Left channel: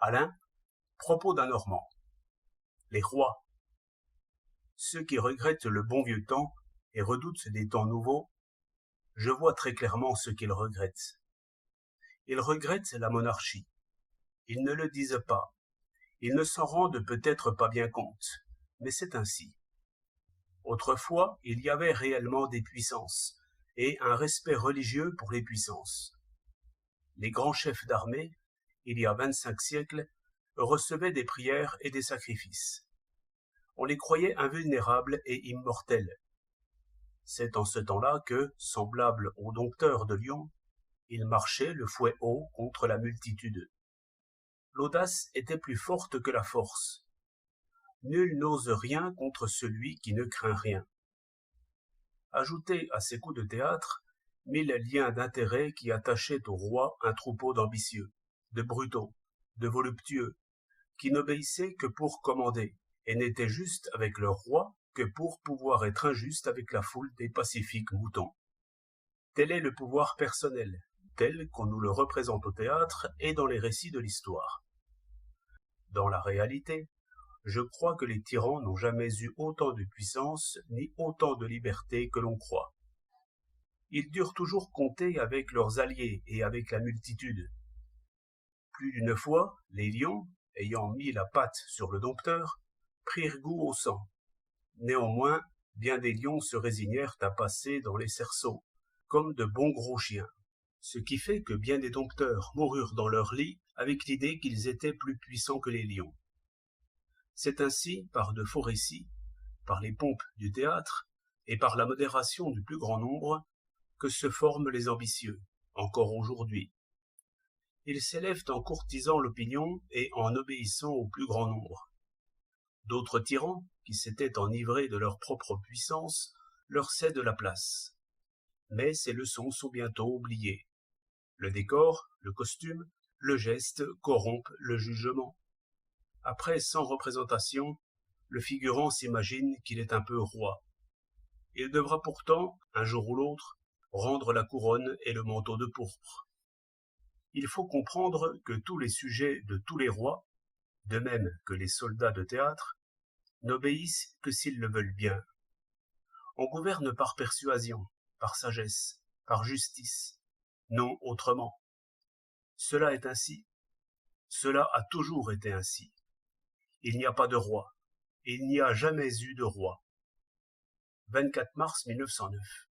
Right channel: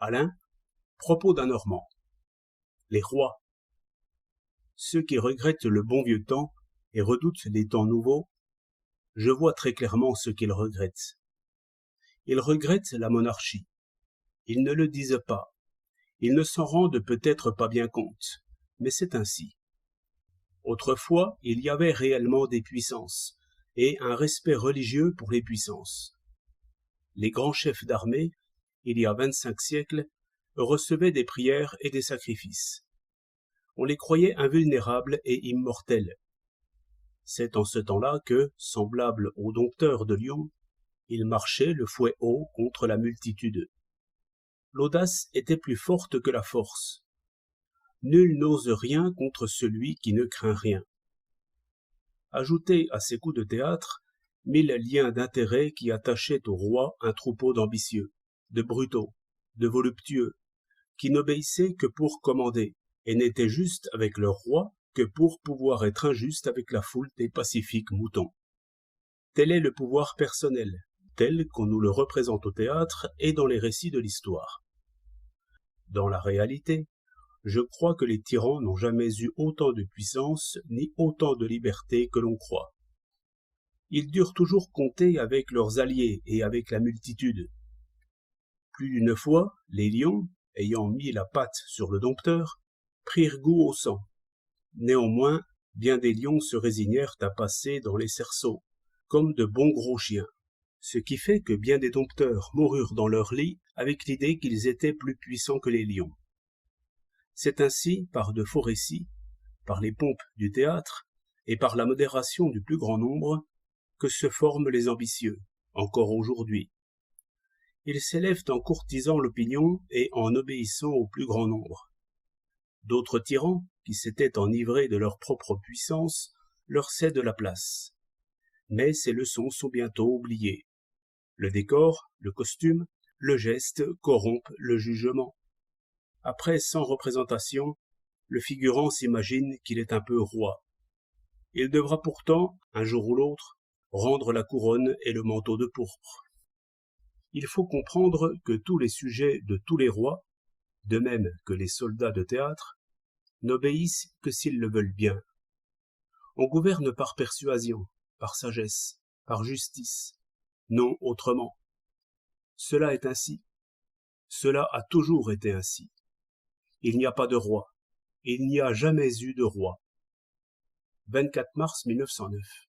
Alain, propos d'un Normand. Les rois. Ceux qui regrettent le bon vieux temps et redoutent les temps nouveaux, je vois très clairement ce qu'ils regrettent. Ils regrettent la monarchie. Ils ne le disent pas. Ils ne s'en rendent peut-être pas bien compte, mais c'est ainsi. Autrefois, il y avait réellement des puissances, et un respect religieux pour les puissances. Les grands chefs d'armée, il y a 25 siècles, recevaient des prières et des sacrifices. On les croyait invulnérables et immortels. C'est en ce temps-là que, semblables aux dompteurs de lions, ils marchaient le fouet haut contre la multitude. L'audace était plus forte que la force. Nul n'ose rien contre celui qui ne craint rien. Ajoutez à ces coups de théâtre 1000 liens d'intérêt qui attachaient au roi un troupeau d'ambitieux, de brutaux, de voluptueux, qui n'obéissaient que pour commander, et n'étaient justes avec leur roi que pour pouvoir être injustes avec la foule des pacifiques moutons. Tel est le pouvoir personnel, tel qu'on nous le représente au théâtre et dans les récits de l'histoire. Dans la réalité, je crois que les tyrans n'ont jamais eu autant de puissance ni autant de liberté que l'on croit. Ils durent toujours compter avec leurs alliés et avec la multitude. Plus d'une fois, les lions, ayant mis la patte sur le dompteur, prirent goût au sang. Néanmoins, bien des lions se résignèrent à passer dans les cerceaux, comme de bons gros chiens, ce qui fait que bien des dompteurs moururent dans leur lit avec l'idée qu'ils étaient plus puissants que les lions. C'est ainsi, par de faux récits, par les pompes du théâtre et par la modération du plus grand nombre, que se forment les ambitieux, encore aujourd'hui. Ils s'élèvent en courtisant l'opinion et en obéissant au plus grand nombre. D'autres tyrans, qui s'étaient enivrés de leur propre puissance, leur cèdent la place. Mais ces leçons sont bientôt oubliées. Le décor, le costume, le geste corrompent le jugement. Après 100 représentations, le figurant s'imagine qu'il est un peu roi. Il devra pourtant, un jour ou l'autre, rendre la couronne et le manteau de pourpre. Il faut comprendre que tous les sujets de tous les rois, de même que les soldats de théâtre, n'obéissent que s'ils le veulent bien. On gouverne par persuasion, par sagesse, par justice, non autrement. Cela est ainsi. Cela a toujours été ainsi. Il n'y a pas de roi. Il n'y a jamais eu de roi. 24 mars 1909.